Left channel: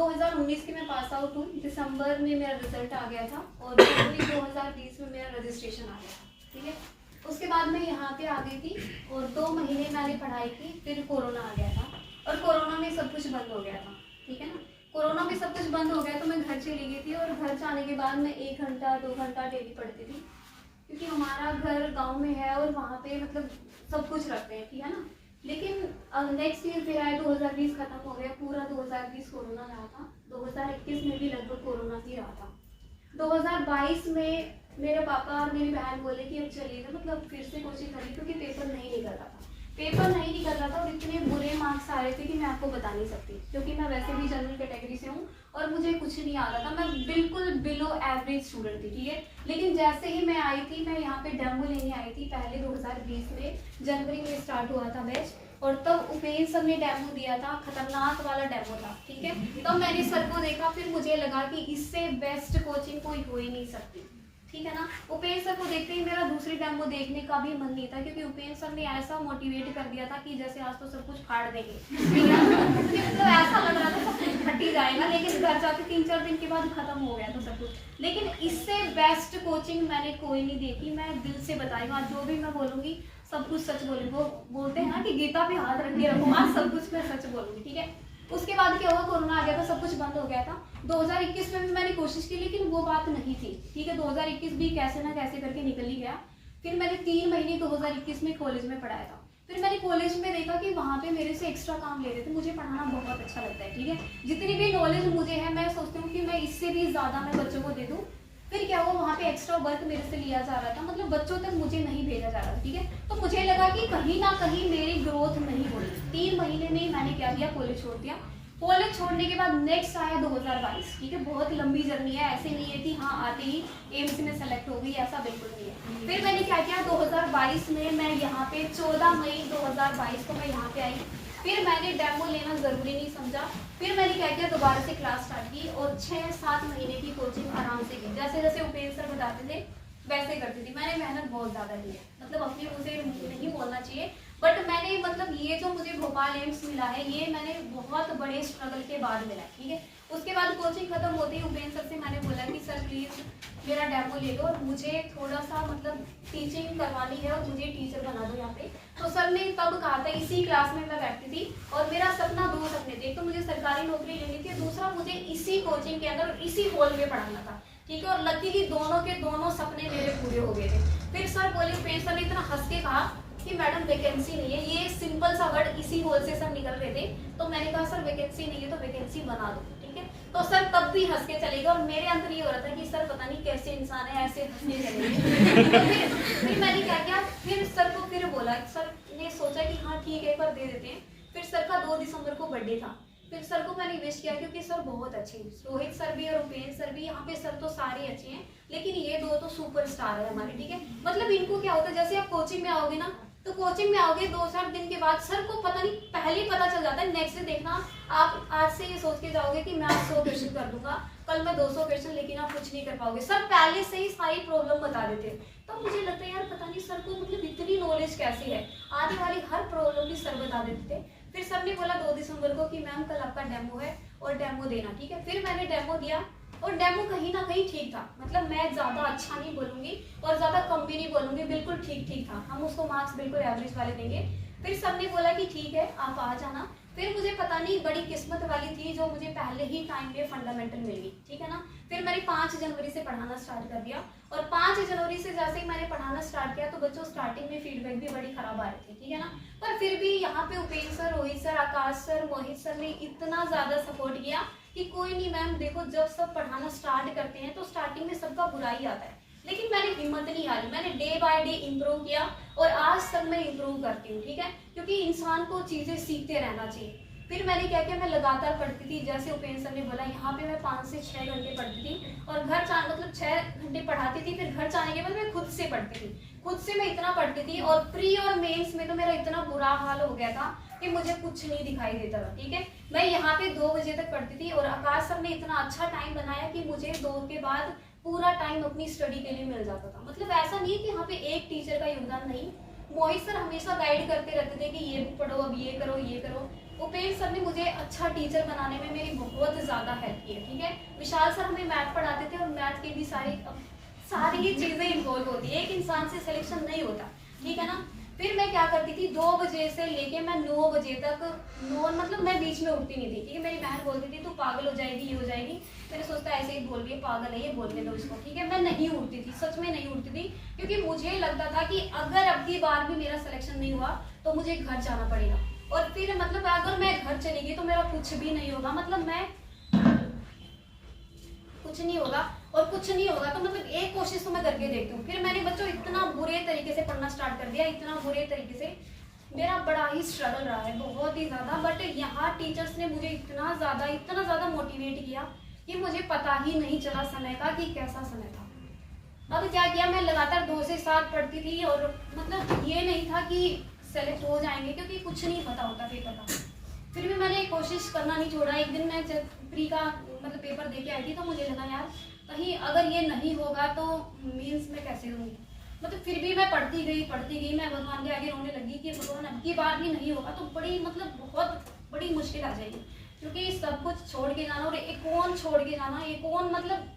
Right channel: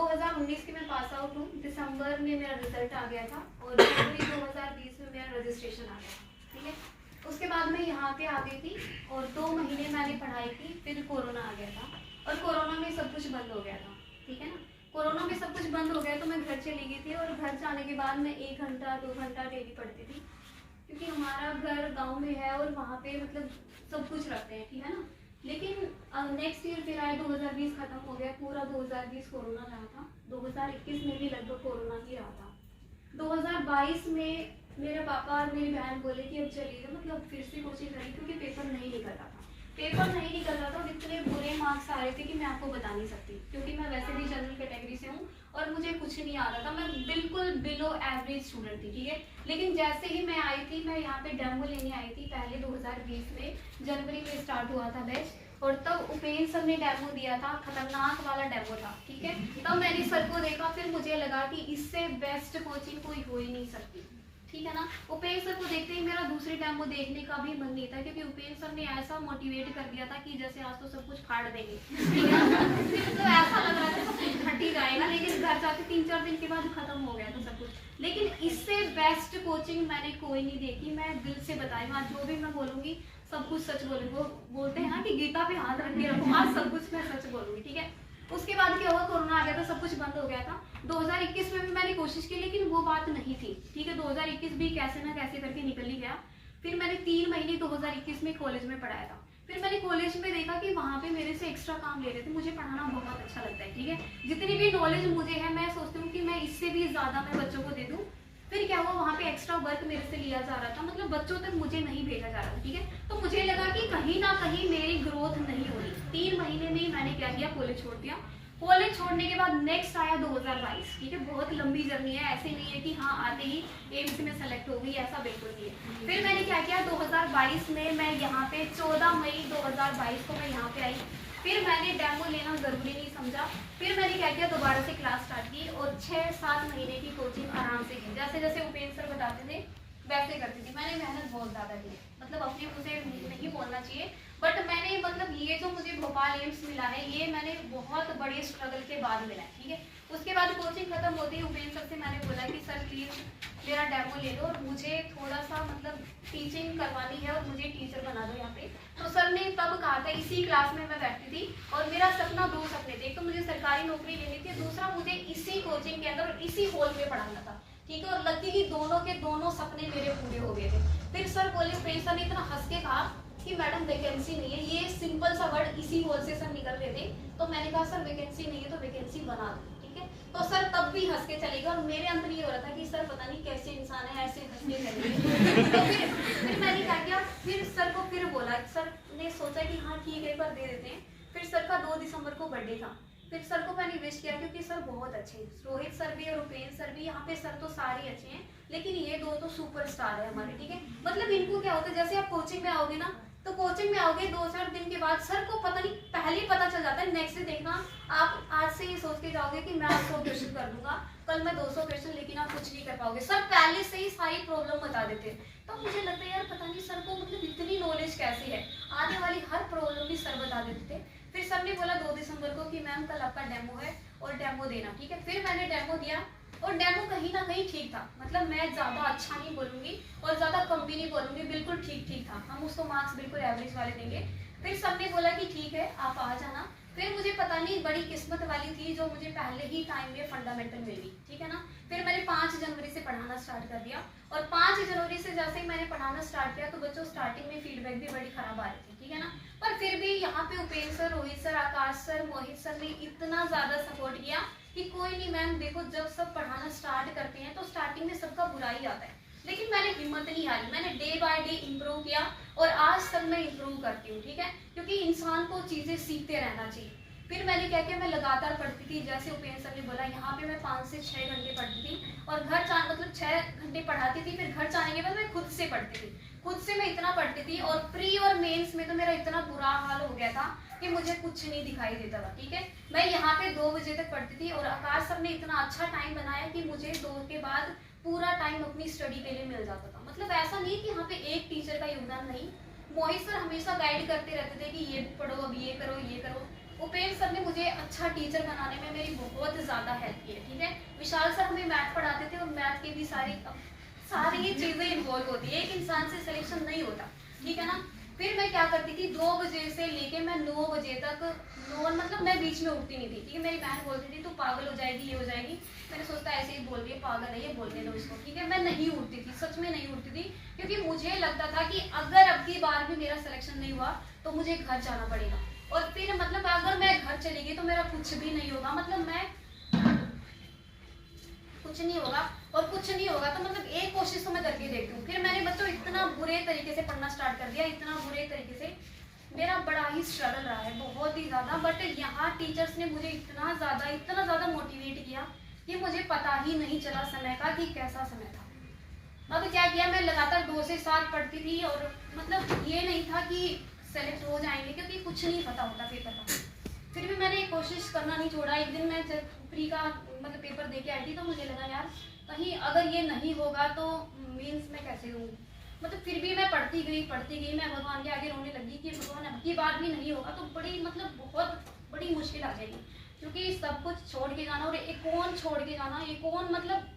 2019 की मैं pass out हूँ। दिसंबर में मेरा रिजल्ट आ गया था और जनवरी 2020 में मेरा रजिस्ट्रेशन आ गया था, ठीक है। उसके बाद मैं यहाँ पे आ गई थी और 2 महीने मैंने पढ़ाई की, फिर कोरोना आ गया था और कोरोना में सब कुछ बंद हो गया था, ठीक है ना। कोरोना में सब कुछ बंद हो गया तो मैं घर चली गई थी और घर जाने के बाद मैं 1 घंटा 2 घंटा डेली पढ़ती थी, क्योंकि हमारा घर गाँव में है और वहाँ पे मतलब सब कुछ रखते हैं, ठीक है ना। लेकिन नेक्स्ट ईयर फिर आया, 2020 खत्म हो गया, पूरा 2020 कोरोना रहा था। 2021 में भी लगभग कोरोना ही रहा था। 2022 में मेरे पापा और मेरी बहन बोले कि अब चलिए, मतलब फिर से कोचिंग करी, क्योंकि पेपर नहीं निकल रहा था। पेपर नहीं निकल रहा था और इतने बुरे मार्क्स आ रहे थे कि मैं आपको बता नहीं सकती, क्योंकि मैं वैसे भी जनरल कैटेगरी से हूँ और मुझे कुछ नहीं आता था। मैं बिल्कुल बिलो एवरेज स्टूडेंट थी, ठीक है। लेकिन जैसे ही मैं आई थी, मैं यहाँ पे डेमो लेने आई थी पहले 2020 में, जनवरी में स्टार्ट हुआ था बैच, और तब उपेंद्र सर ने डेमो दिया था, खतरनाक वाला डेमो था, ठीक है। तब मैंने सर को देखा, फिर मुझे लगा कि इससे बेस्ट कोचिंग कोई हो ही नहीं सकती, ठीक है ना। उपेंद्र सर को देखते ही मेरा दूसरी डेमो देखने का भी मन नहीं था, क्योंकि उपेंद्र सर ने ऐसा मोटिवेट कर दिया था कि जैसे आज तो सब कुछ फाड़ देंगे तो ऐसा लग रहा था सब कुछ फट ही जाएगा, लेकिन घर जाके 3-4 दिन के बाद खत्म हो गया तो सब कुछ। लेकिन इससे बेस्ट कोचिंग मैंने कोई नहीं देखी। मैं दिल से बता रही हूँ, आज जो भी मैं बोलूंगी सब कुछ सच बोलूंगी। वो बोलते हैं ना कि गीता पे हाथ रख के रखो, आज सब कुछ मैं सच बोलूंगी, ठीक है। उसके बाद क्या हुआ, कोरोना आ गया था, सब कुछ बंद हो गया था। 2021 में भी मैंने कोशिश की, लेकिन वो बात नहीं थी, ठीक है। 2021 भी कैसे ना कैसे करके निकल ही गया। फिर मैंने 3 महीने 2021 में कॉलेज में पढ़ाया था। फिर मैंने कॉलेज में देखा कि वहाँ पे मेरे से एक्स्ट्रा काम ले रहे थे। मुझे पढ़ाना बहुत अच्छा लगता है, ठीक है। जितनी भी नॉलेज मुझे है, मैं सोचती हूँ कि मैं इससे भी ज़्यादा मैं बच्चों को दे दूँ। फिर क्या हुआ, वहाँ पे एक्स्ट्रा वर्क मेरे से लिया जा रहा था, मतलब बच्चों तक मुझे नहीं भेजा जा रहा था, ठीक है। तो मुझे लगा कि कहीं ना कहीं मेरी ग्रोथ नहीं हो रही। 3 महीने में ही मैंने क्या किया, कॉलेज छोड़ दिया। कॉलेज छोड़ने के बाद नेक्स्ट आया 2022, ठीक है। बहुत लंबी जर्नी है, ऐसे नहीं है कि हाँ आते ही एम्स में सेलेक्ट हो गई, ऐसा बिल्कुल नहीं है। फिर मैंने क्या किया, 2022 में मैं यहाँ पे 14 मई 2022 को मैं यहाँ पे आई। फिर मैंने डेमो लेना ज़रूरी नहीं समझा। फिर मैंने क्या किया, दोबारा से क्लास स्टार्ट की और 6-7 महीने की कोचिंग आराम से की। जैसे जैसे उपेंद्र सर बताते थे वैसे करती थी। मैंने मेहनत बहुत ज़्यादा की है, मतलब अपने मुँह से नहीं बोलना चाहिए, बट मैंने मतलब ये जो मुझे भोपाल एम्स मिला है, ये मैंने बहुत बड़े स्ट्रगल के बाद मिला है, ठीक है। उसके बाद कोचिंग खत्म होती ही उपेंद्र सर से मैंने बोला कि सर प्लीज़ मेरा डेमो ले दो और मुझे थोड़ा सा मतलब टीचिंग करवानी है और मुझे टीचर बना दो यहाँ पे। तो सर ने तब कहा था, इसी क्लास में मैं बैठती थी और मेरा सपना 2 सपने थे। एक तो मुझे सरकारी नौकरी लेनी थी, दूसरा मुझे इसी कोचिंग के अंदर इसी हॉल में पढ़ाना था, ठीक है। और लकीली दोनों के दोनों सपने मेरे पूरे हो गए थे। फिर सर बोले, उपेंद्र सर ने इतना हंस के कहा कि मैडम वैकेंसी नहीं है, ये सिंपल सा वर्ड इसी होल से सर निकल रहे थे। तो मैंने कहा सर वैकेंसी नहीं है तो वैकेंसी बना दो, ठीक है। तो सर तब भी हंस के चले गए और मेरे अंदर ये हो रहा था कि सर पता नहीं कैसे इंसान है, ऐसे हंसने चले तो फिर मैंने क्या किया, फिर सर को फिर बोला। सर ने सोचा कि हाँ ठीक है, एक बार दे देते हैं। फिर सर का 2 दिसंबर को बर्थडे था। फिर सर को मैंने विश किया, क्योंकि सर बहुत अच्छे हैं, रोहित सर भी और उपेंद्र सर भी। यहाँ पे सर तो सारे अच्छे हैं, लेकिन ये 2 तो सुपरस्टार है हमारे, ठीक है। मतलब इनको क्या होता है, जैसे आप कोचिंग में आओगे ना, तो कोचिंग में आओगे 2-4 दिन के बाद सर को पता नहीं पहले ही पता चल जाता है। नेक्स्ट डे देखना, आप आज से ये सोच के जाओगे कि मैं 100 क्वेश्चन कर लूंगा, कल मैं 200 क्वेश्चन, लेकिन आप कुछ नहीं कर पाओगे। सर पहले से ही सारी प्रॉब्लम बता देते हैं। तो मुझे लगता है यार पता नहीं सर को मतलब इतनी नॉलेज कैसे है, आने वाली हर प्रॉब्लम भी सर बता देते थे। फिर सर ने बोला 2 दिसंबर को कि मैम कल आपका डेमो है और डेमो देना, ठीक है। फिर मैंने डेमो दिया और डेमो कहीं ना कहीं ठीक था, मतलब मैं ज़्यादा अच्छा नहीं बोलूँगी और ज़्यादा कम भी नहीं बोलूँगी, बिल्कुल ठीक ठीक था। हम उसको मार्क्स बिल्कुल एवरेज वाले देंगे। फिर सर ने बोला कि ठीक है आप आ जाना। फिर मुझे पता नहीं बड़ी किस्मत वाली थी जो मुझे पहले ही टाइम में फंडामेंटल मिल गई, ठीक है ना। फिर मैंने 5 जनवरी से पढ़ाना स्टार्ट कर दिया और 5 जनवरी से जैसे ही मैंने पढ़ाना स्टार्ट किया तो बच्चों स्टार्टिंग में फीडबैक भी बड़ी खराब आ रही थी, ठीक है ना। पर फिर भी यहाँ पे उपेंद्र सर, रोहित सर, आकाश सर, मोहित सर ने इतना ज़्यादा सपोर्ट किया कि कोई नहीं मैम, देखो जब सब पढ़ाना स्टार्ट करते हैं तो स्टार्टिंग में सबका बुरा ही आता है, लेकिन मैंने हिम्मत नहीं हारी। मैंने डे बाय डे इम्प्रूव किया और आज तक मैं इम्प्रूव करती हूँ, ठीक है, क्योंकि इंसान को चीज़ें सीखते रहना चाहिए। फिर मैंने क्या किया, मैं लगातार पढ़ती थी। जैसे उपेंद्र सर ने बोला, यहाँ पे मैं 5 से 6 घंटे पढ़ती थी और घर मतलब 6 घंटे पढ़ाती थी। फिर घर जाने के बाद मैं खुद से पढ़ती थी, खुद से मैं इतना पढ़ती थी। और प्री और मेंस में तो मेरा इतना बुरा हाल हो गया था कि मुझे कुछ नहीं दिखाई देता था, ठीक है। मैं यहाँ पे 2 बजे तक पढ़ती थी और आकाश सर ने इतना अच्छा टाइम बनाया कि मुझे 2 के बाद पूरा टाइम अपनी स्टडी के लिए मिल जाता था। मतलब ऐसा नहीं है कि यहाँ पे एक टीचर का योगदान नहीं, मोहित सर हमेशा गाइड करते रहते थे कि ये पढ़ो, अब ये करो, ये करो। उपेंद्र सर ने मुझे अच्छा टीचर बनाने में मेरी बहुत ज़्यादा हेल्प की है, ठीक है। विशाल सर हमें मैथ पढ़ाते थे और मैथ की भी सारी ही चीज़ें इन्वॉल्व होती है, एक इंसान से सिलेक्शन नहीं होता, ठीक है ना। फिर मैं क्या करती थी, 2 बजे से लेके मैं 9 बजे तक, मतलब मैं बीच में उठती नहीं थी, ठीक है। मेरी बहन बोलती थी तू पागल हो जाएगी, ये हो जाएगी। मैंने सोचता ऐसे ही बोल रही है, पागल है ये, बोलने दो इसको, ठीक है। मैं नहीं उठती थी, सच में नहीं उठती थी, क्योंकि मुझे लगता था कि अगर अब की बार भी मेरा सिलेक्शन नहीं हुआ तो मुझे घर जाना पड़ेगा, और फिर मतलब अगर मैं घर चली गई तो मेरा कुछ भी नहीं होगा, मतलब मैं कुछ नहीं होगा, और कुछ नहीं होगा तो मतलब एक कोशिश तो मैं करके देखती हूँ। फिर मैंने बच्चों इतना बुरे तरीके से पढ़ना स्टार्ट कर दिया, इतना बुरे तरीके से, मेरा बड़ा ही स्ट्रगल रहा है, बहुत ही ज़्यादा। बट यहाँ टीचर्स ने मुझे इतना ज़्यादा मोटिवेट किया कि मुझे पता ही नहीं चला समय का कि कैसा समय था। अब क्या किया, मैं लगातार 2 से 7 पढ़ती थी, और मतलब ये नहीं था कि सेलेक्ट हो जाएंगे, क्योंकि कुछ नहीं पता होता पेपर का। फिर भी मैंने कोशिश करना नहीं छोड़ा। एक दिन मैं प्री का मतलब पेपर दे के आई थी, तो मुझे लगा यार कहीं अगर ये नहीं होगा तो मीन्स मैं कैसे दूँगी, मतलब फिर भी मैं पढ़ती गई। मैं भगवान के आगे रोने लगी कि भगवान अब की बार भी नहीं होगा तो बड़ी मतलब बहुत बड़ी मुश्किल आ जाएगी, क्योंकि सब कुछ छोड़ के जाना, और एक कौन छोड़ के जाना, एक कौन मतलब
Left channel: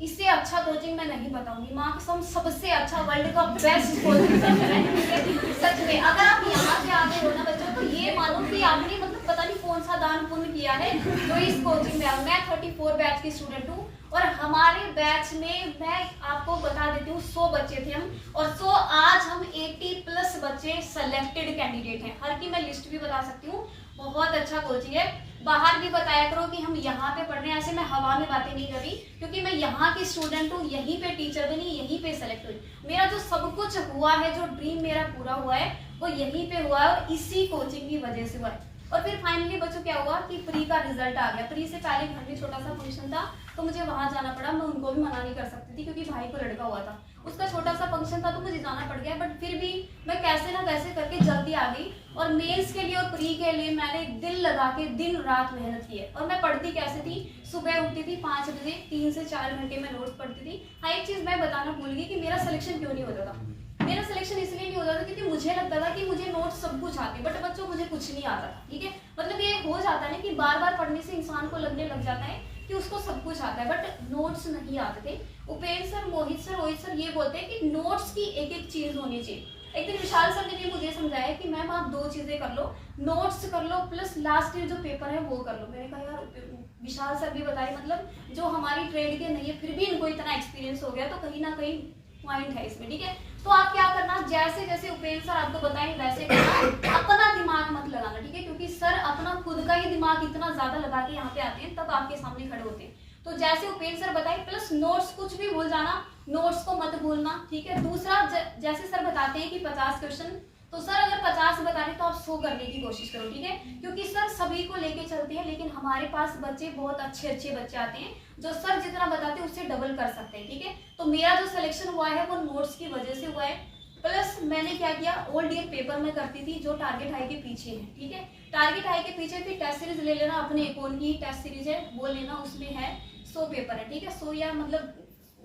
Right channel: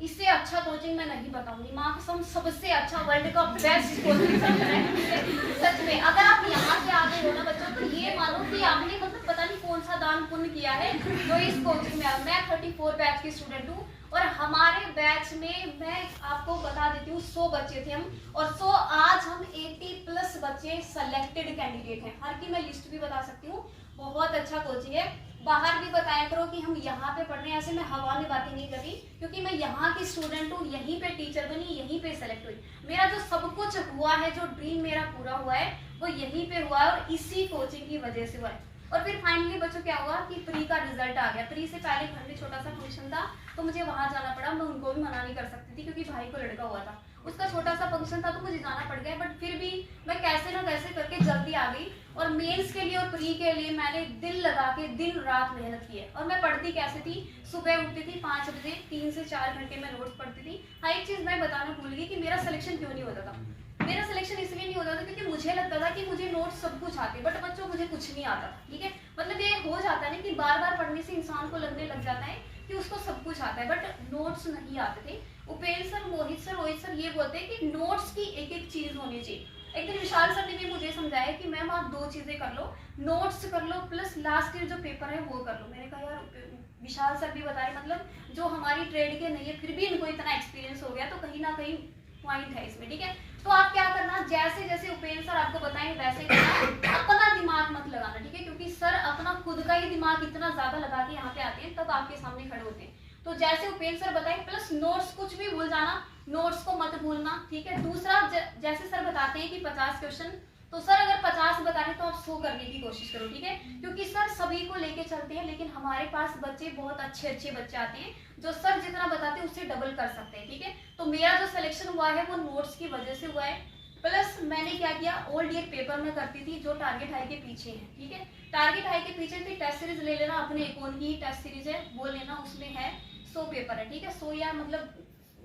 इससे अच्छा कोचिंग मैं नहीं बताऊंगी। माँ कसम सबसे अच्छा वर्ल्ड का बेस्ट कोचिंग सेंटर है सच में। अगर आप यहाँ से आगे हो ना बच्चों, तो ये मानो कि आपने मतलब पता नहीं कौन सा दान पुण्य किया है जो इस कोचिंग में। मैं 34 बैच की स्टूडेंट हूँ, और हमारे बैच में मैं आपको बता देती हूँ 100 बच्चे थे हम, और 100 आज हम 80+ बच्चे सेलेक्टेड कैंडिडेट हैं। हर की मैं लिस्ट भी बता सकती हूँ। बहुत अच्छा कोचिंग है, बाहर भी बताया करो कि हम यहाँ पे पढ़ रहे हैं। ऐसे मैं हवा में बातें नहीं करी, क्योंकि मैं यहाँ की स्टूडेंट हूँ, यहीं पे टीचर बनी, यहीं पे सेलेक्ट हुई। मेरा जो सब कुछ हुआ है, जो ड्रीम मेरा पूरा हुआ है, वो यहीं पे हुआ है, और इसी कोचिंग की वजह से हुआ है। और फिर फाइनली बच्चों क्या हुआ कि प्री का रिजल्ट आ गया। प्री से पहले घर में छोटा सा फंक्शन था, तो मुझे वहां जाना पड़ा। मैं उनको भी मना नहीं कर सकती थी, क्योंकि भाई को लड़का हुआ था, उसका छोटा सा फंक्शन था, तो मुझे जाना पड़ गया। बट फिर भी मैं कैसे ना कैसे करके जल्दी आ गई, और मेंस के लिए और प्री के लिए मैंने दिल लगा के दिन रात मेहनत की है। और मैं पढ़ती कैसे थी, सुबह उठती थी 5 बजे, 3 से 4 घंटे में नोट्स पढ़ती थी। हाँ, एक चीज मैं बताना भूल गई कि मेरा सिलेक्शन क्यों नहीं होता था। मेरा सिलेक्शन इसलिए नहीं होता था क्योंकि मुझे लगता था कि मुझे नोट्स सब कुछ आते, बट बच्चों मुझे कुछ नहीं आता था, ठीक है। मतलब ये हो जाता है ना कि बार बार पढ़ने से इंसान को लगने लग जाता है कि उसको सब कुछ आता है, बट नोट्स नहीं आते थे। उपेंद्र सर, मोहित सर, रोहित सर ये बोलते हैं कि नोट्स की एक एक चीज होनी चाहिए। एक दिन विशाल सर ने भी मुझे समझाया कि मैम आप 2 चीजें कर लो, नोट्स कर लो प्लस लास्ट ईयर जो पेपर है वो कर लो। मैंने कहा यार विशाल सर भी बताए, मतलब जो हमारी ट्रेड के नहीं है फिर भी इनको इतना एक्सपीरियंस हो गया, तो कहीं ना कहीं पॉइंट है इसमें, ठीक है। तो आप क्या करना, जैसे जैसे उपेंद्र सर आपको बताएं वैसे करना, अपना दिमाग मत लगाना, ठीक है, क्योंकि सर अपना खुद का ही दिमाग इतना ज्यादा लगा के यहाँ पे आते हैं, तब आपके सामने खड़े होते हैं। तो जैसे उपेंद्र सर बताए, प्लस नोट्स कुछ भी भूल जाना, नोट्स को मत भूलना, ठीक है। दूसरा जैसे सर बताते हैं कि 50 क्वेश्चन, तो सर अगर 50 बता रहे तो आप 100 करने की कोशिश करो, ठीक है, क्योंकि सर सभी को लेके चलते हैं, लेकिन हमारे पास बच्चे बहुत अच्छे बच्चे आते हैं जो सर जितना बताते हैं उससे डबल कर सकते हैं, ठीक है। तो मेरा जो सिलेक्शन हुआ है वो नोट्स की वजह से हुआ है, प्लस मैंने क्या किया, ओल्ड ईयर पेपर में करती थी जो टारगेट हाई के पीछे है, ठीक है। टारगेट हाई के पीछे फिर टेस्ट सीरीज ले लेना, अपने अकाउंट की टेस्ट सीरीज है वो लेना, उसमें है 100 पेपर है, ठीक है। 100 या मतलब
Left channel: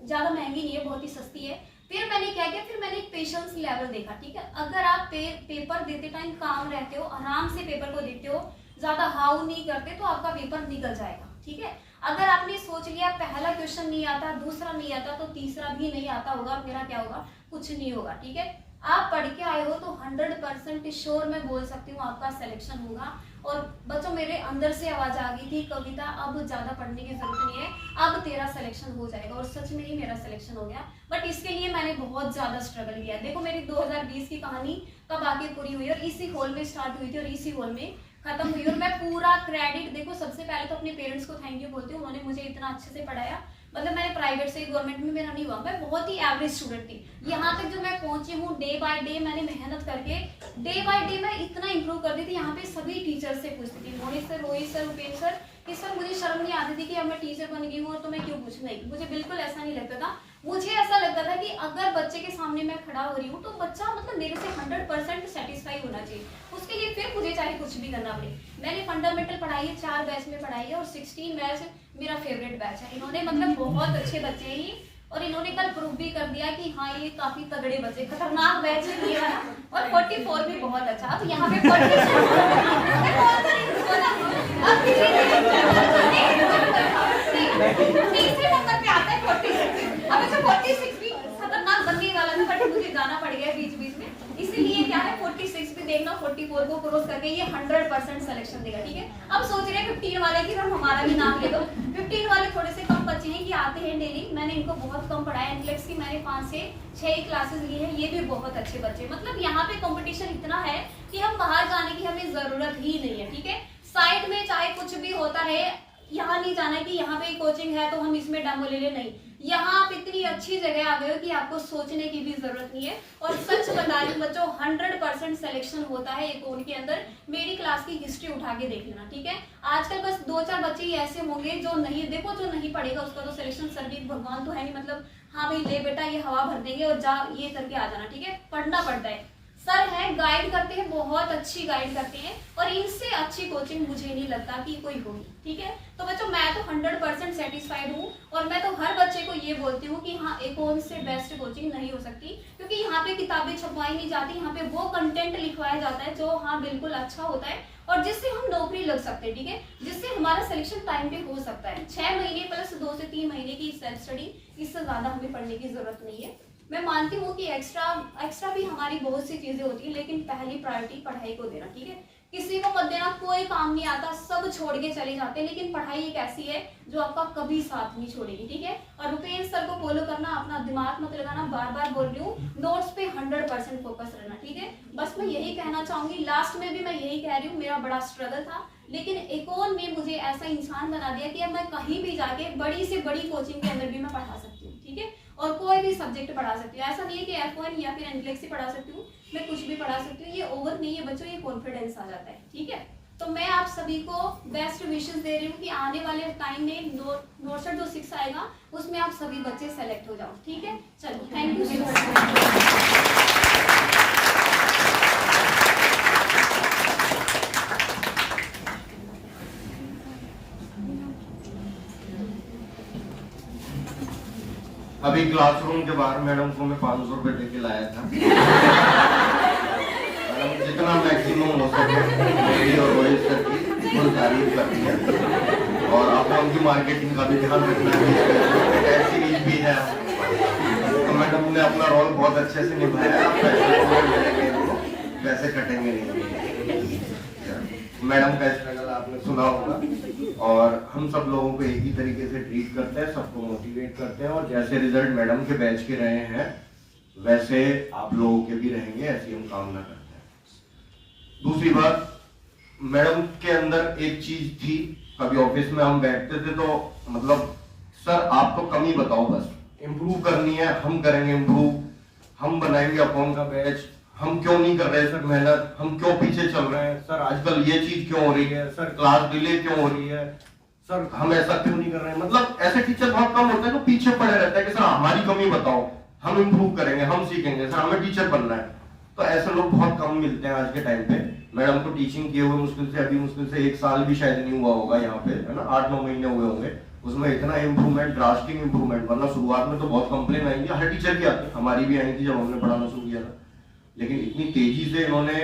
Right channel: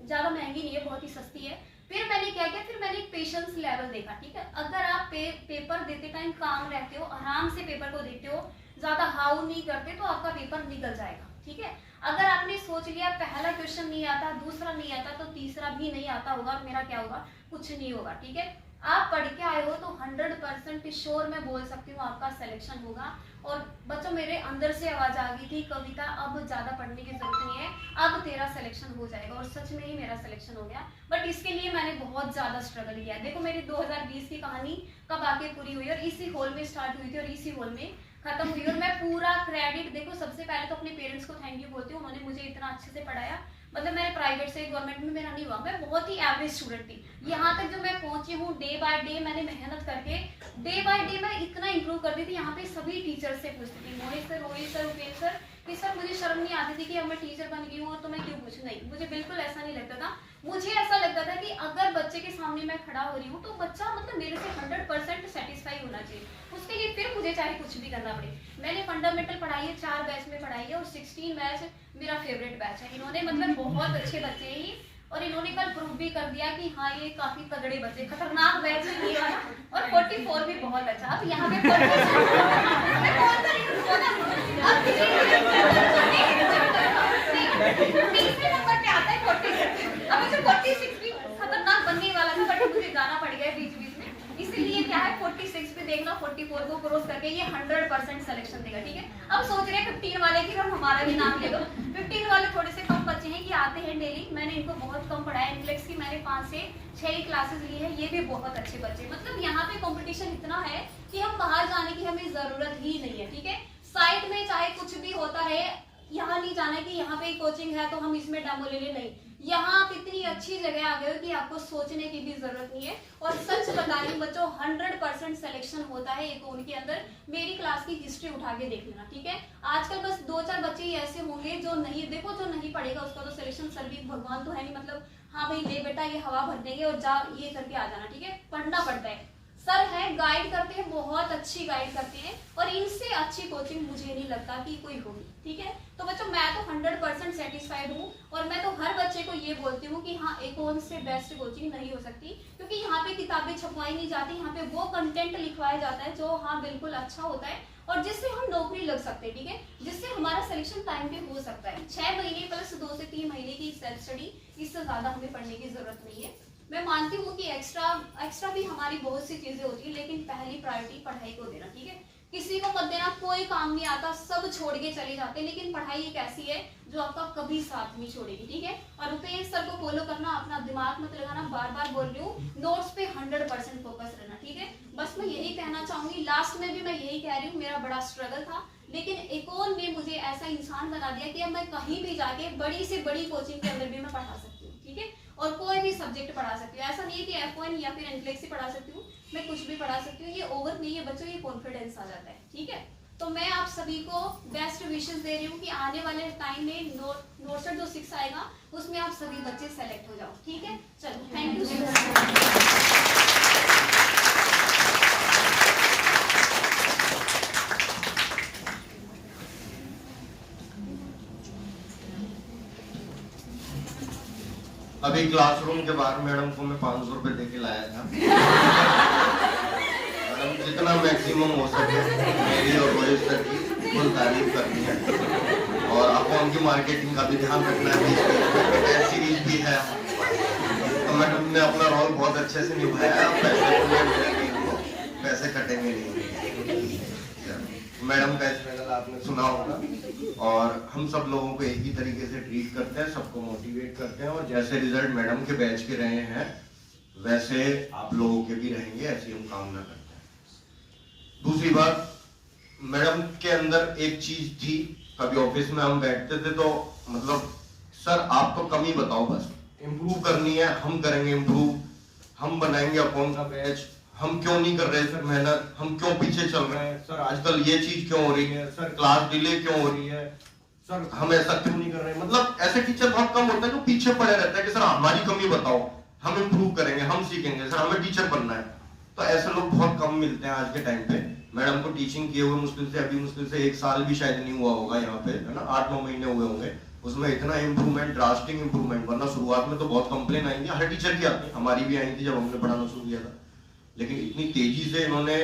ज्यादा महंगी नहीं है, बहुत ही सस्ती है। फिर मैंने क्या किया, फिर मैंने पेशेंस लेवल देखा, ठीक है। अगर आप पेपर देते टाइम काम रहते हो, आराम से पेपर को देते हो, ज्यादा हाउ नहीं करते, तो आपका पेपर निकल जाएगा, ठीक है। अगर आपने सोच लिया पहला क्वेश्चन नहीं आता, दूसरा नहीं आता, तो तीसरा भी नहीं आता होगा, मेरा क्या होगा, कुछ नहीं होगा, ठीक है। आप पढ़ के आए हो तो 100% श्योर मैं बोल सकती हूँ आपका सिलेक्शन होगा। और बच्चों मेरे अंदर से आवाज आ गई थी, कविता अब ज्यादा पढ़ने की जरूरत नहीं है, अब तेरा सिलेक्शन हो जाएगा, और सच में ही मेरा सिलेक्शन हो गया। बट इसके लिए मैंने बहुत ज्यादा स्ट्रगल किया। देखो मेरी 2020 की कहानी कब आके पूरी हुई, और इसी हॉल में स्टार्ट हुई थी और इसी हॉल में खत्म हुई। और मैं पूरा क्रेडिट, देखो सबसे पहले तो अपने पेरेंट्स को थैंक यू बोलती हूँ, उन्होंने मुझे इतना अच्छे से पढ़ाया। मतलब मैंने प्राइवेट से, गवर्नमेंट में मेरा नहीं हुआ, मैं बहुत ही एवरेज स्टूडेंट थी। यहाँ तक जो मैं पहुंची हूँ, डे बाय डे मैंने मेहनत करके डे बाय डे मैं इतना इंप्रूव कर दी थी। यहाँ पे सभी टीचर से पूछती थी, Mohit sir, Rohit sir, Upendra sir, कि सर मुझे शर्म नहीं आती थी कि अब मैं टीचर बन गई हूँ तो मैं क्यों पूछूं, नहीं, मुझे बिल्कुल ऐसा नहीं लगता था। मुझे ऐसा लगता था कि अगर बच्चे के सामने मैं खड़ा हो रही हूँ तो बच्चा मतलब मेरे से 100% सेटिस्फाई होना चाहिए, उसके लिए फिर मुझे चाहे कुछ भी करना पड़े। मैंने फंडामेंटल पढ़ाई है, 4 बैच में पढ़ाई है, और 16 बैच मेरा फेवरेट बैच है। इन्होंने मतलब बहुत अच्छे बच्चे हैं, और इन्होंने कल प्रूव भी कर दिया कि हाँ ये काफी तगड़े बच्चे, खतरनाक बैच है ये वाला। और 44 भी बहुत अच्छा। अब यहाँ पे 30 नंबर पे आता है 46। अब जो 46 भी खतरनाक बनने वाला था, बट मुझे जाना पड़ गया बीच बीच में, इसीलिए क्या है 46 पे देखना 44 को क्रॉस करके ये 100% सिलेक्शन देगा। ठीक है, अब सोच रहे हैं 15 वाले की हम हमारा भी नाम ले लो। 15 वाले थोड़े से कम बच्चे हैं कि आते हैं डेली, मैंने इनको बहुत कम पढ़ाया। इंटेलेक्स की मैंने 5 से 6 क्लासेस ली है, ये भी बहुत अच्छे बच्चे। मतलब यहाँ पे कंपटीशन इतना है कि हम बाहर जाने की हमें जरूरत ही नहीं है। ठीक है, साइड में चाहे कुछ भी होता रहे, यहाँ नहीं जाना है कि यहाँ पे कोचिंग है तो हम इसमें डेमो ले ले, नहीं। यहाँ आप इतनी अच्छी जगह आ गए हो कि आपको सोचने की भी जरूरत नहीं है। और सच बता रही हूँ बच्चों, 100% सिलेक्शन होता है एकोन के अंदर। मेरी क्लास की हिस्ट्री उठा के देख लेना। ठीक है, आजकल बस 2-4 बच्चे ही ऐसे होंगे जो नहीं, देखो जो नहीं पढ़ेगा उसका तो सिलेक्शन सर्दी भगवान तो है नहीं, मतलब हाँ भाई ले बेटा ये हवा भर देंगे और जा ये करके आ जाना। ठीक है, पढ़ना पड़ता है। सर है, गाइड करते हैं, बहुत अच्छी गाइड करते हैं, और इनसे अच्छी कोचिंग मुझे नहीं लगता कि कोई होगी। ठीक है, तो बच्चों मैं तो 100% सेटिस्फाइड हूँ, और मैं तो हर बच्चे को ये बोलती हूँ कि हाँ एकोन से बेस्ट कोचिंग नहीं हो सकती, क्योंकि यहाँ पे किताबें छपवाई नहीं जाती, यहाँ पे वो कंटेंट लिखवाया जाता है जो हाँ बिल्कुल अच्छा होता है और जिससे हम नौकरी लग सकते हैं। ठीक है, जिससे हमारा सिलेक्शन टाइम पे हो सकता है। 6 महीने प्लस 2 से 3 महीने की सेल्फ स्टडी, इससे ज्यादा हमें पढ़ने की जरूरत नहीं है। मैं मानती हूँ कि एक्स्ट्रा भी हमारी बहुत सी चीजें होती है, लेकिन पहली प्रायोरिटी पढ़ाई को देना। ठीक है, किसी को मत देना, कोई काम नहीं आता, सब छोड़ के चले जाते हैं, लेकिन पढ़ाई एक ऐसी है जो आपका कभी साथ नहीं छोड़ेगी। ठीक है, और रुपेश सर को फॉलो करना, अपना दिमाग मत लगाना, बार बार बोल रही हूँ, नोट्स पे 100% फोकस रहना। ठीक है, बस मैं यही कहना चाहूंगी। लास्ट में भी मैं यही कह रही हूँ, मेरा बड़ा स्ट्रगल था, लेकिन एकोन ने मुझे ऐसा इंसान बना दिया कि अब मैं कहीं भी जाके बड़ी से बड़ी कोचिंग के अंदर भी मैं पढ़ा सकती हूँ। ठीक है, और कोई भी सब्जेक्ट पढ़ा सकती हूँ। ऐसा नहीं है कि F1 या फिर इंटेलेक्स ही पढ़ा सकती हूँ, मैं कुछ भी पढ़ा सकती हूँ। ये ओवर नहीं है बच्चों, ये कॉन्फिडेंस आ जाता है। ठीक है, तो मैं आप सभी को बेस्ट विशेस दे रही हूँ कि आने वाले टाइम में नोट्स जो 6 आएगा उसमें आप सभी बच्चे सेलेक्ट हो जाओ। ठीक है, चलो थैंक यू सो मच। अभी क्लासरूम के बाहर मैडम को मैं 500 रुपए दे के लाया था। मैडम जितना मैक्सिमम हो सके मेरी और रोहित सर की फुल तारीफ करती है, और आपको उनकी मार्केटिंग का भी ध्यान रखना है। सीरीज भी है, तो मैडम ने अपना रोल बहुत अच्छे से निभाया। पैसे कटेंगे नहीं। मैडम का स्ट्रगल आपने सुना होगा, और हम सब लोगों को एक ही तरीके से ट्रीट करते हैं, सबको मोटिवेट करते हैं, और जैसे रिजल्ट मैडम के बैच के रहे हैं वैसे आप लोगों के भी रहेंगे, ऐसी हम कामना करते हैं। दूसरी बात, मैडम के अंदर एक चीज थी, कभी ऑफिस में हम बैठते थे तो मतलब सर आप तो कम ही बताओ, बस इम्प्रूव करनी है, हम करेंगे इम्प्रूव, हम बनाएंगे अकाउंट का बैच, हम क्यों नहीं कर रहे सर मेहनत, हम क्यों पीछे चल रहे हैं सर, आजकल ये चीज क्यों हो रही है सर, क्लास डिले क्यों हो रही है सर, हम ऐसा क्यों नहीं कर रहे हैं। मतलब ऐसे टीचर बहुत कम होते हैं जो पीछे पड़े रहते हैं कि सर हमारी कमी बताओ, हम इम्प्रूव करेंगे, हम सीखेंगे, सर हमें टीचर बनना है। तो ऐसे लोग बहुत कम मिलते हैं आज के टाइम पे। मैडम को टीचिंग किए हुए मुश्किल से 1 साल भी शायद नहीं हुआ होगा यहाँ पे, है ना, 8-9 महीने हुए होंगे, उसमें इतना इम्प्रूवमेंट, ड्रास्टिक इम्प्रूवमेंट। वरना शुरुआत में तो बहुत कंप्लेन आएंगी, हर टीचर की आती है, हमारी भी आई थी जब हमने पढ़ाना शुरू किया था, लेकिन इतनी तेजी से इन्होंने,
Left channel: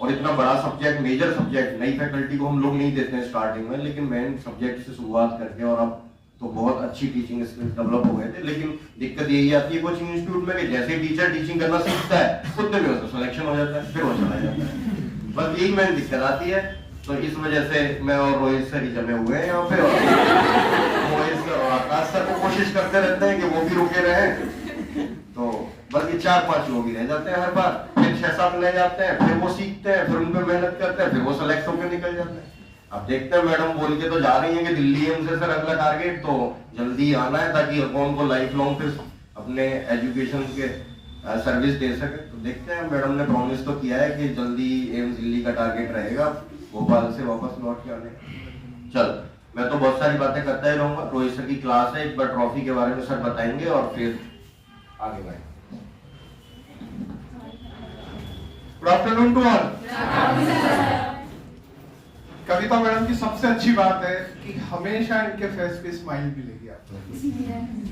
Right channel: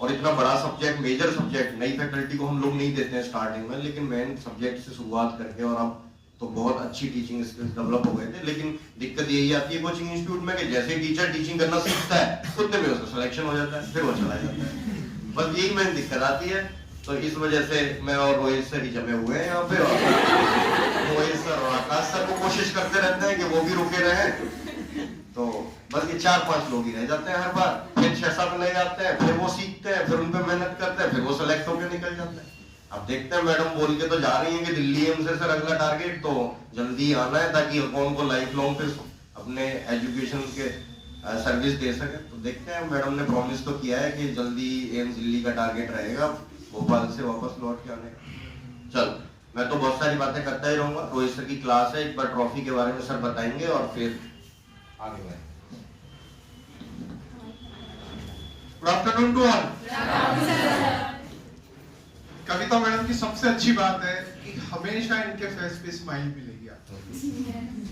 और इतना बड़ा सब्जेक्ट, मेजर सब्जेक्ट, नई फैकल्टी को हम लोग नहीं देते हैं स्टार्टिंग में, लेकिन मेन सब्जेक्ट से शुरुआत करके, और अब तो बहुत अच्छी टीचिंग स्किल्स डेवलप हो गए थे। लेकिन दिक्कत यही आती है कोचिंग इंस्टीट्यूट में कि जैसे टीचर टीचिंग करना सीखता है उतने में उसका सिलेक्शन हो जाता है, फिर वो चला जाता है। बस यही मेन दिक्कत आती है। तो इस वजह से मैं और रोहित सर ही जमे हुए हैं यहाँ पे, और रोहित सर आकाश सर को कोशिश करते रहते हैं कि वो भी रुके रहे। तो बस ये 4-5 लोग ही रह जाते हैं हर बार, फिर 6-7 नए आते हैं, फिर वो सीखते हैं, फिर उन पे मेहनत करते हैं, फिर वो सेलेक्ट होकर निकल जाते हैं। अब देखते हैं, मैडम बोल के तो जा रही है कि दिल्ली है उनसे सर अगला टारगेट, तो जल्दी आना है ताकि अकाउंट को लाइफ लॉन्ग फिर अपने एजुकेशन के सर्विस दे सके। तो देखते हैं, मैडम ने प्रॉमिस तो किया है कि जल्दी एम्स दिल्ली का टारगेट रहेगा, भोपाल से वापस लौट के आने। चलो, मैं तो बहुत सारी बातें करता ही रहूंगा। रोहित सर की क्लास है, एक बार ट्रॉफी के बारे में सर बताएंगे और फिर आगे बढ़े। Good afternoon to all. Kavita madam की सबसे अच्छी बात है कि हमेशा इनके फेस पे स्माइल मिलेगी आपको।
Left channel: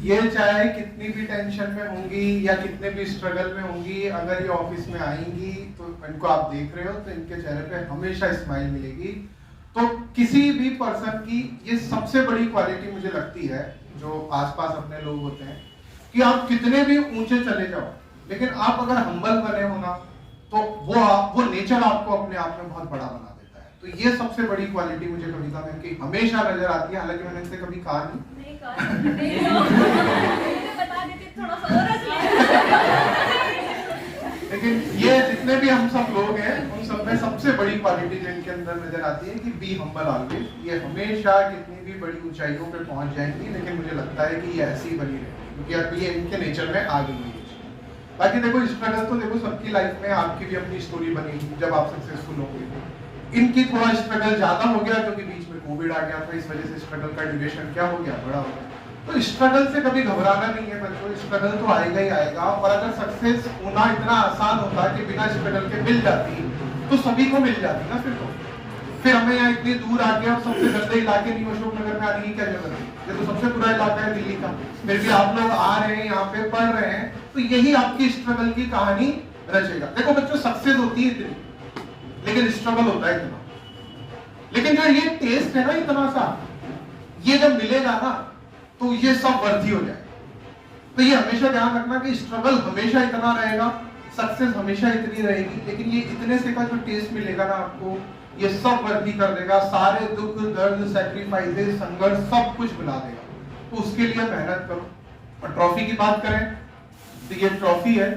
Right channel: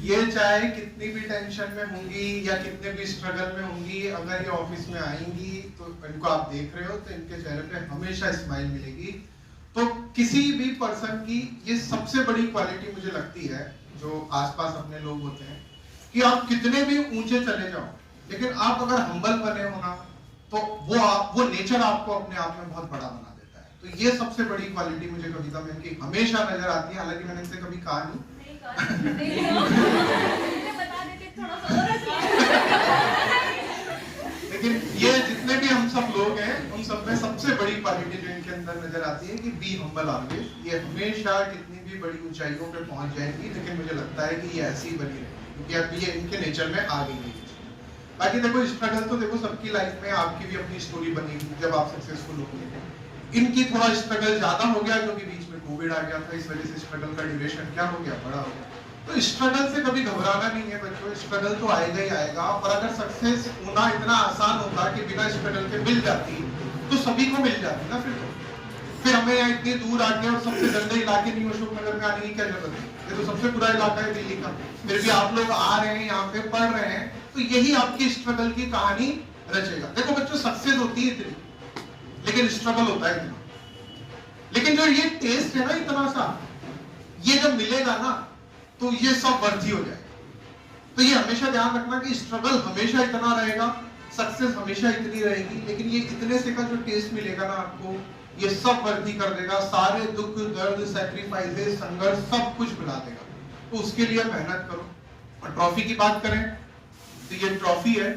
ये चाहे कितनी भी टेंशन में होंगी या कितने भी स्ट्रगल में होंगी, अगर ये ऑफिस में आएंगी तो इनको आप देख रहे हो तो इनके चेहरे पे हमेशा स्माइल मिलेगी। तो किसी भी पर्सन की ये सबसे बड़ी क्वालिटी मुझे लगती है, जो आसपास अपने लोग होते हैं, कि आप कितने भी ऊंचे चले जाओ लेकिन आप अगर हम्बल बने हो ना तो वो नेचर आपको अपने आप में बहुत बड़ा बना देता है। तो ये सबसे बड़ी क्वालिटी मुझे कविता में की हमेशा नजर आती है। हालांकि मैंने इनसे कभी कहा नहीं बता देते थोड़ा सा और लेकिन ये जितने भी हम सब लोग हैं उन सब में सबसे बड़ी क्वालिटी जो इनके अंदर नजर आती है कि बी हम्बल ऑलवेज। ये हमेशा कितनी भी बड़ी ऊंचाइयों पे पहुंच जाएंगी, लेकिन मुझे लगता है कि ये ऐसी ही बनी रहेगी क्योंकि अब ये इनके नेचर में आ गई है। बाकी देखो स्ट्रगल तो देखो सबकी लाइफ में, आपकी भी अपनी स्टोरी बनेगी जब आप सक्सेसफुल होंगे। इनकी थोड़ा स्ट्रगल ज्यादा हो गया क्योंकि बीच में कोविड आ गया था, इस वजह से स्ट्रगल का ड्यूरेशन क्या हो गया, बड़ा हो गया। तो स्ट्रगल से कभी घबराना नहीं है बच्चों, स्ट्रगल तो आएगा ही आएगा। और अगर सक्सेस होना इतना आसान होता कि बिना स्ट्रगल के मिल जाती तो सभी को मिल जाती ना। फिर हमें इतनी दूर आके और सबसे गंदे इलाके नहीं अशोकनगर में आने की क्या जरूरत है? ये तो सबसे बुरा इलाका है दिल्ली का, फिर भी आप लोग आ रहे हैं यहाँ पे, पढ़ रहे हैं, तो यही आपकी स्ट्रगल की कहानी रचेगा। देखो बच्चों, सक्सेस होती है इतनी लेकिन स्ट्रगल होता है इतना। लेकिन जो ये टेस्ट है ना इतना सा, ये जब मिलेगा ना तो ये सब वर्दी हो जाएगा। तो ये हमेशा ध्यान रखना कि स्ट्रगल हमेशा इतना रहेगा, सक्सेस हमेशा इतनी रहेगी, लेकिन ये इतने से का जो टेस्ट मिलेगा ना आपको, ये सब वर्दी कर देगा। सारे दुख दर्द सैक्रिफाइसेस संघर्ष सब कुछ भुला देगा। तो उसके लिए मेहनत करो। और ट्रॉफी की बात करें तो ये ट्रॉफी है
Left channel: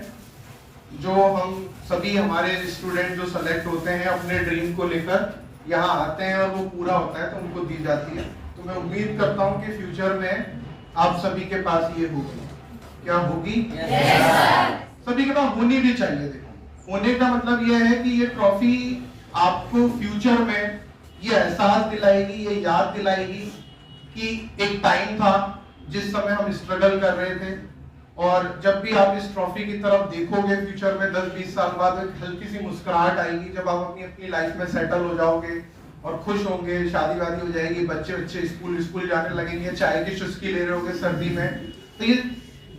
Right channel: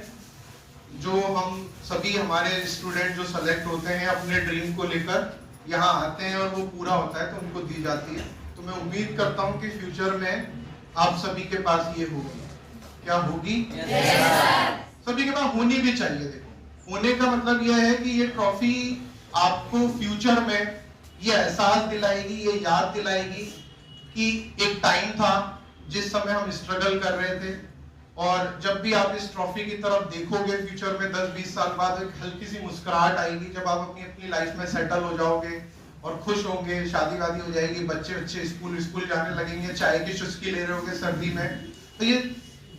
जो हम सभी हमारे स्टूडेंट जो सेलेक्ट होते हैं अपने ड्रीम को लेकर यहाँ आते हैं और वो पूरा होता है तो उनको दी जाती है। तो मैं उम्मीद करता हूँ कि फ्यूचर में आप सभी के पास ये होगी। क्या होगी? सभी के पास होनी भी चाहिए। देखो, होने का मतलब यह है कि ये ट्रॉफी आपको फ्यूचर में ये एहसास दिलाएगी, ये याद दिलाएगी कि एक टाइम था जिस समय हम स्ट्रगल कर रहे थे। और जब भी आप इस ट्रॉफी की तरफ देखोगे फ्यूचर में 10-20 साल बाद, एक हल्की सी मुस्कुराहट आएगी जब आप अपनी लाइफ में सेटल हो जाओगे और खुश होंगे, शादी वादी हो जाएगी, बच्चे स्कूल जाने लगेंगे, चाय की चुस्की ले रहे होंगे सर्दी में, तो ये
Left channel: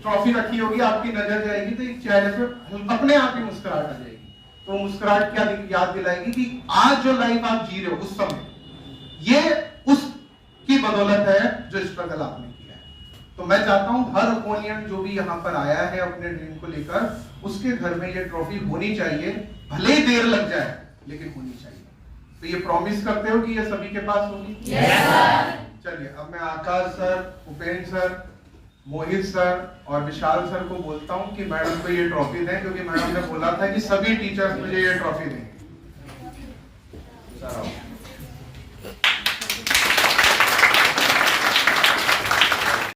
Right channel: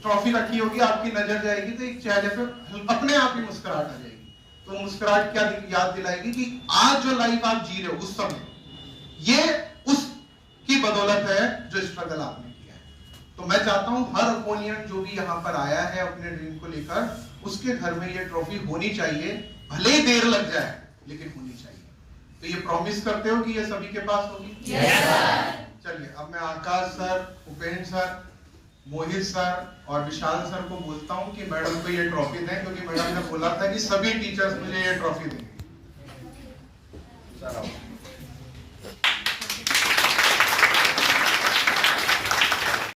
ट्रॉफी रखी होगी, आपकी नजर जाएगी तो चेहरे पे अपने आप ही मुस्कुराहट आ जाएगी। तो मुस्कुराहट क्या याद दिलाएगी कि आज जो लाइफ आप जी रहे हो उस समय, ये उसकी बदौलत है जो स्ट्रगल आपने किया है। तो मैं चाहता हूं हर अपोनेंट जो भी यहाँ पर आया है अपने ड्रीम को लेकर, उसके घर में ये ट्रॉफी होनी चाहिए, भले ही देर लग जाए लेकिन होनी चाहिए। तो ये प्रॉमिस करते हो कि ये सभी के पास होगी? चलिए, अब मैं आकाश सर, उपेंद्र सर, मोहित सर और विशाल सर को बोलता हूं कि मैडम को ये ट्रॉफी दें, क्योंकि मैडम ने बोला था कि सभी टीचर्स मुझे ये ट्रॉफी देंगे।